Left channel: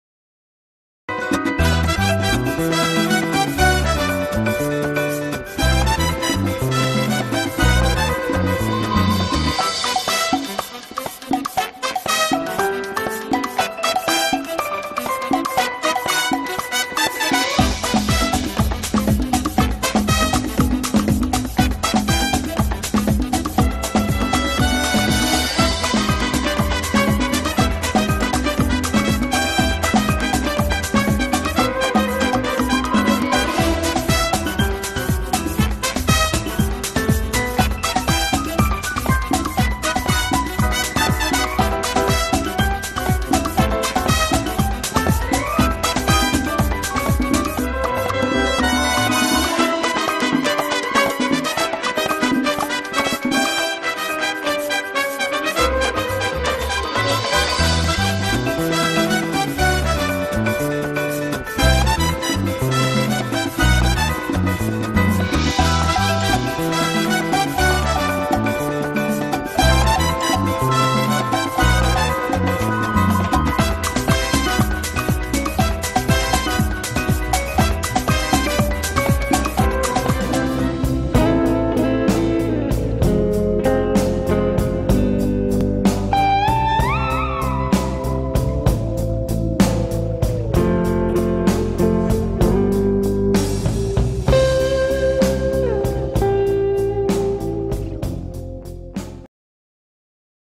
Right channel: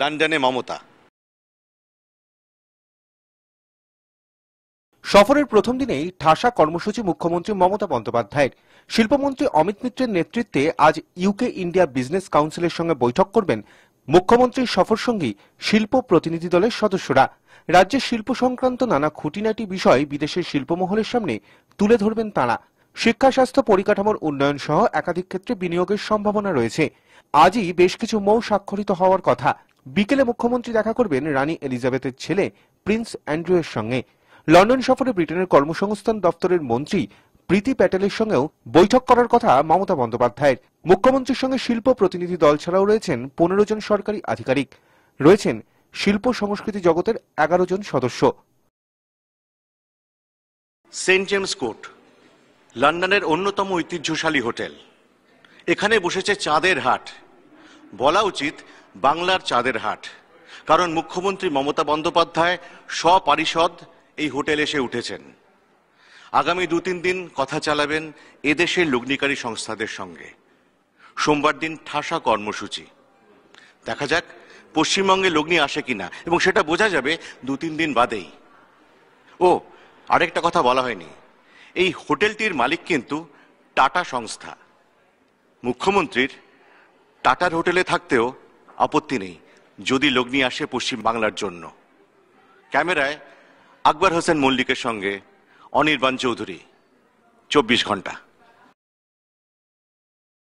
লন্ডনে মমতা। সফরের প্রথম দিনেই ভাষা কর্মসূচি মুখ্যমন্ত্রী মমতা বন্দ্যোপাধ্যায়। শিল্পমন্ত্রী অমিত মিত্রের নেতৃত্বে আজ ইউকে ইন্ডিয়া বিজনেস কাউন্সিলের সঙ্গে বৈঠক করবেন মুখ্যমন্ত্রীর সফরসঙ্গী শিল্প প্রতিনিধি দলের সদস্যরা। রাজ্যের শিল্প সংক্রান্ত নানা খুঁটিনাটি বিষয় বিদেশের শিল্পমহলের সামনে তুলে ধরবেন তাঁরা। শিক্ষা, স্বাস্থ্য, পরিকাঠামোর উন্নয়ন সহ একাধিক ক্ষেত্রে বিনিয়োগের সম্ভাবনা রয়েছে। আজই বেশ কিছু মৌ স্বাক্ষরিত হওয়ার কথা। বিকেলে মুখ্যমন্ত্রী দেখা করবেন রানী এলিজাবেথের ছেলে প্রিন্স অ্যান্ড্রুর সঙ্গে। লন্ডন সফরে ব্রিটেনের কর্মসংস্থান দপ্তরের মন্ত্রী প্রীতি প্যাটেলের সঙ্গেও বৈঠক করার কথা মমতা বন্দ্যোপাধ্যায়। মুখ্যমন্ত্রীর সঙ্গে শিল্প প্রতিনিধি দল ছাড়াও রয়েছেন 15 জন সরকারি আধিকারিক, রয়েছেন শিল্প সংস্কৃতি জগতের 11 জন সদস্য। সেন্ট জেমস কোর্ট লন্ডনের অন্যতম ঐতিহ্যশালী হোটেল। এখানে বসেছে চাঁদের হাট, বলা উচিত বাংলার চাঁদের হাট, কারণ মুখ্যমন্ত্রী মমতা বন্দ্যোপাধ্যায় সপরিষদ এই হোটেলে এসে উঠেছেন। আগামী 2-3 দিন কথা চালাবেন এদেশের লগ্নিকারী সংস্থাদের সঙ্গে। সোমবার দিন ভাষা কর্মসূচি। দেখা যাক পশ্চিমবঙ্গে লগ্নি আসে কিনা, এবং সেটা বোঝা যাবে 2-3 দিন বাদে। ও আরেকটা কথা বলা হয়নি, এই হোটেলটির মালিক কিন্তু টাটা সংস্থা। মুখ্যমন্ত্রীর টাটার হোটেলে থাকতেও আপত্তি নেই যদি লগ্নি আসে পশ্চিম বাংলার জন্য। ক্যামেরায় আকবর হোসেন মল্লিকের সঙ্গে অনির্বাণ চৌধুরী, 24 ঘন্টা।